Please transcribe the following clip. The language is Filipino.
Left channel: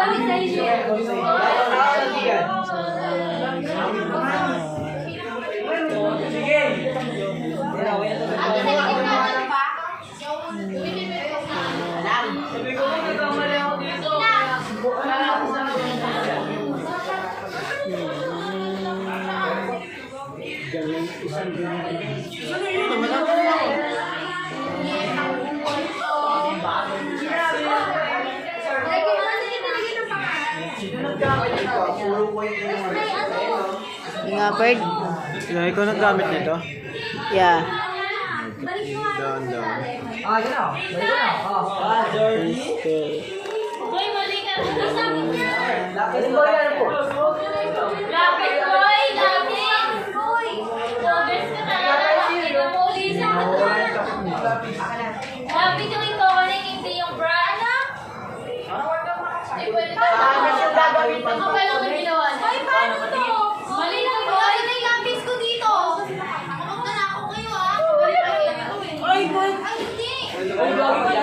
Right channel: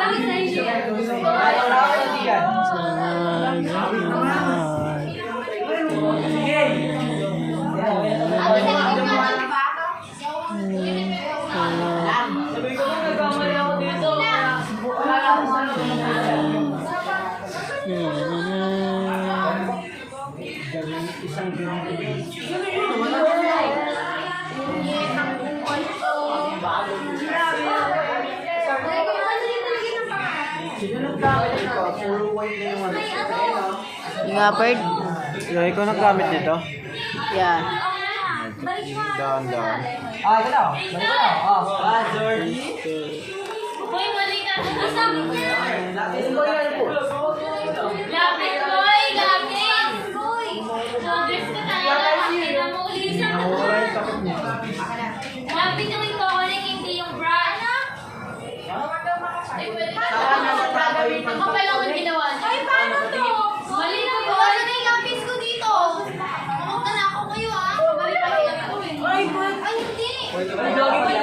Babalik sa inyo. Nga, Perd? Yeah, ikaw naggamit nito? Yeah. Dahan. Yun na. Balik ko na. Jordy. Boy, mali ka. Sabi niya. Ilan ba yan po? Lapit, boy. Lapit. Boy. Joggers ka talaga. Kita mo ulit siya. Lapit yung ito. Hindi yung bra, anak. Eh, pwede ba? Ang kapal lang ang ginawa. Ay, paano to? Mali na po. Ano na yung lapis ko dito? Nakunta na ako kayo, ha? Ay, hindi. Ay, lagi